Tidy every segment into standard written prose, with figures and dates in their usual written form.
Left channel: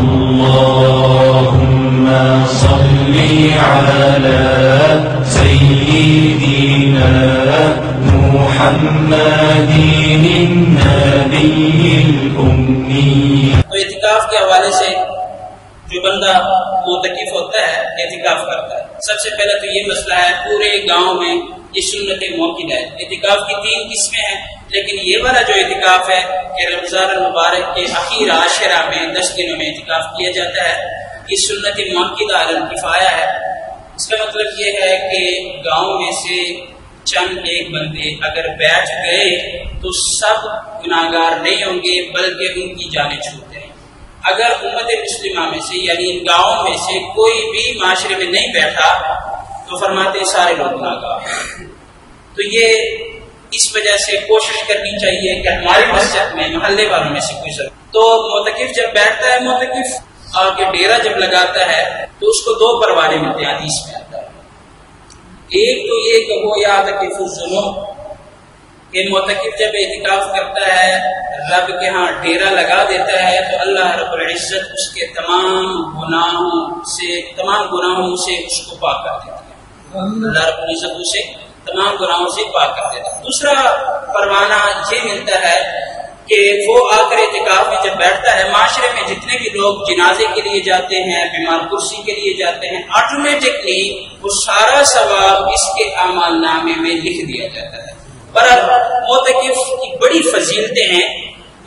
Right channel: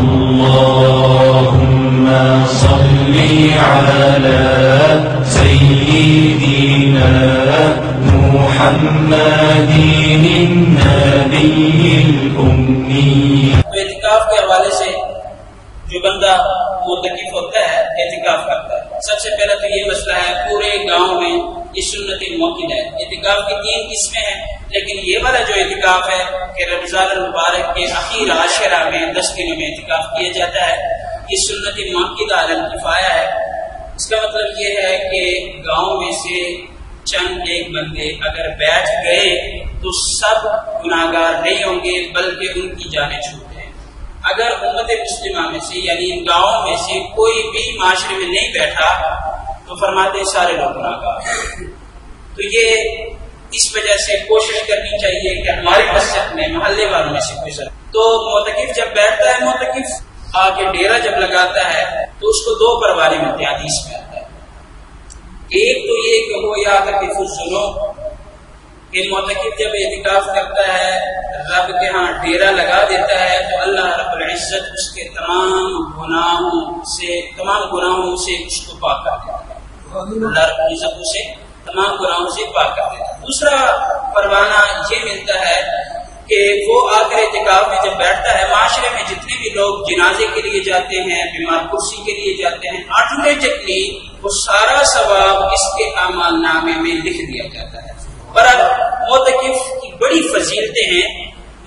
اللهم صل على سيدنا محمد النبي الأمي. تو اعتکاف کے حوالے سے جو بندہ معتکف ہوتا ہے اعتکاف کرتا ہے، سب سے پہلے تو یہ مسئلہ ہے پورے گاؤں میں یہ سنت موقع ہے. اعتکاف کی 3 قسمیں ہیں، لیکن یہ والا جو اعتکاف ہے کہ رمضان المبارک کے اخیر عاشرہ میں 10 دنوں میں اعتکاف کیا جاتا ہے، یہ سنت موقع علی الکفایہ ہے. اس کا مطلب یہ ہے کہ گاؤں میں سے چند ایک بندے اگر بیٹھ گئے تو سب گناہگار نہیں ہوں گے، بلکہ ان کی جانیں چھوٹیں. اگر امت مسلمہ میں سے یعنی ان گاؤں میں سے کوئی بھی معاشرے میں نہیں بیٹھا تو فرماتے ہیں سارے لوگ گناہگار. تو یہ اس وجہ سے کوشش کرنی چاہیے کہ ہماری مسجد میں محلے والوں میں سے کوئی ضرور. تو معتکف جب بیٹھتا ہے، معتکف آ کے ڈیرا جب لگاتا ہے تو اس کو 2 پروانے ملتے ہیں حدیث میں آتا ہے. ایک تو یہ کہ وہ یعتکف الذنوب، کہ معتکف جب اعتکاف کرتا ہے رب کے ہاں ڈیرا لگا دیتا ہے تو اللہ رب العزت اس کے تمام گناہوں سے اس کو پاک کر دیتا ہے. اللہ رب العزت اسے تمام گناہوں سے پاک کر دیتا ہے. دوسرا پروانہ یہ ملتا ہے کہ وہ آ کر اعتکاف میں جب بیٹھتا ہے، معاشرے میں جتنے بھی لوگ جنازے کے لیے جاتے ہیں، بیمار کرسی کے لیے جاتے ہیں، آٹومیٹکلی وہ سارا ثواب اس کے اعمال نامے میں لکھ دیا جاتا ہے. پر اب معتکف کی بڑی فضیلتیں ہیں.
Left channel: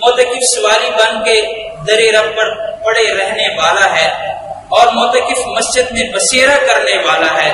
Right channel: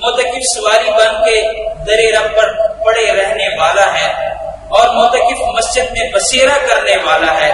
معتکف سواری بن کے در رب پر پڑے رہنے والا ہے، اور معتکف مسجد میں بسیرا کرنے والا ہے.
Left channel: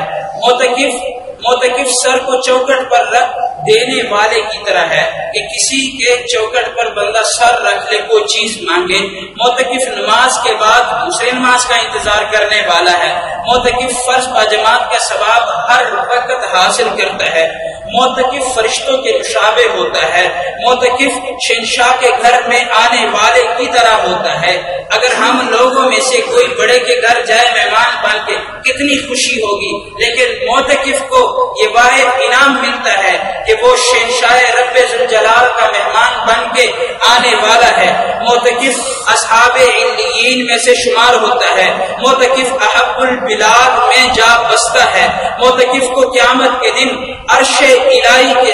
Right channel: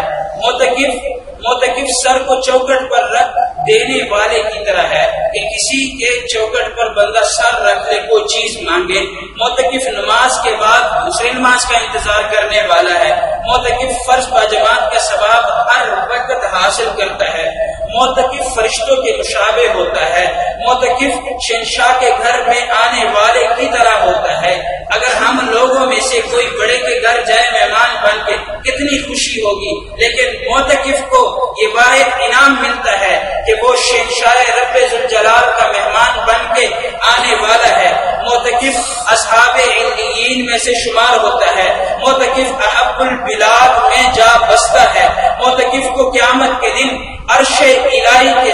معتکف سر کو چوکٹ پر رکھ دینے والے کی طرح ہے کہ کسی کے چوکٹ پر بندہ سر رکھ لے، کوئی چیز مانگے. معتکف نماز کے بعد دوسرے نماز کا انتظار کرنے والا ہے. معتکف فرض باجماعت کا ثواب ہر وقت حاصل کرتا ہے. معتکف فرشتوں کے مشابہ ہوتا ہے. معتکف شہنشاہ کے گھر میں آنے والے کی طرح ہوتا ہے. اگر ہم لوگوں میں سے کوئی بڑے کے گھر جائے مہمان بن کے کتنی خوشی ہوگی، لیکن معتکف کو یہ واحد انعام ملتا ہے کہ وہ شہنشاہ رب ذوالجلال کا مہمان بن کے آنے والا ہے. معتکف اصحاب علیین میں سے شمار ہوتا ہے. معتکف احب البلاد میں جا بستا ہے. معتکف کو قیامت کے دن عرش الہی کے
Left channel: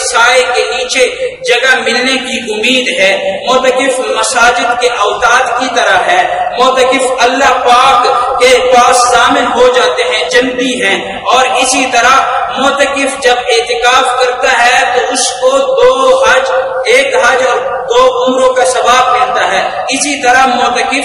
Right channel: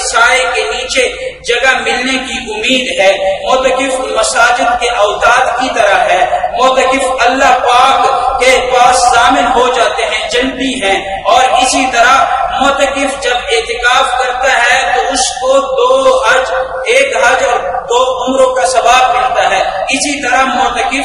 سائے کے نیچے جگہ ملنے کی امید ہے. معتکف مساجد کے اوتاد کی طرح ہے. معتکف اللہ پاک کے پاس ضامن ہو جاتے ہیں، جنتی ہیں. اور اسی طرح معتکف جب اعتکاف کرتا ہے تو اس کو 2 حج، 1 حج اور 2 عمروں کا ثواب ملتا ہے. اسی طرح معتکف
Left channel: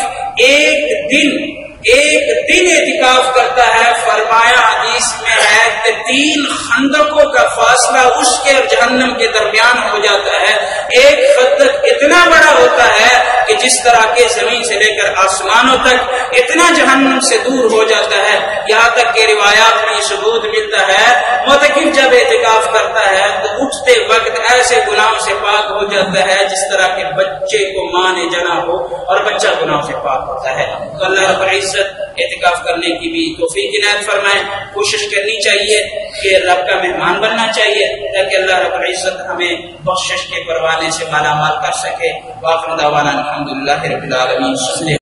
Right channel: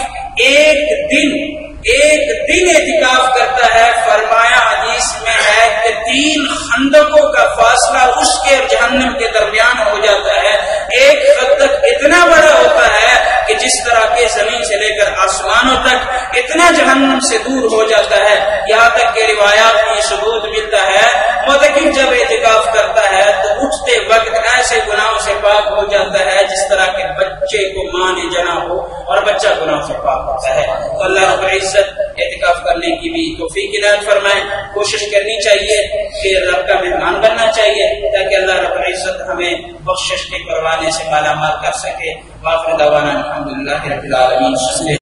ایک دن اعتکاف کرتا ہے. فرمایا حدیث میں ہے کہ 3 خندقوں کا فاصلہ اس کے اور جہنم کے درمیان ہو جاتا ہے. ایک خندق اتنا بڑا ہوتا ہے کہ جس طرح کے زمین سے لے کر آسمانوں تک اتنا جہنم سے دور ہو جاتا ہے. یہاں تک کہ روایات میں ثبوت ملتا ہے معتکف جب اعتکاف کرتا ہے تو اٹھتے وقت ایسے گناہوں سے پاک ہو جاتا ہے جس طرح کے بچے کو ماں نے جنا ہو اور بچہ گناہوں سے پاک ہوتا ہے. تو اللہ رب العزت اعتکاف کرنے کی بھی توفیق عنایت فرمائے. کوشش کرنی چاہیے کہ رب کا مہمان بننا چاہیے تاکہ اللہ رب العزت ہمیں بخشش کے پروانے سے مالا مال کر سکے. وآخر دعوانا الحمدللہ رب العالمین.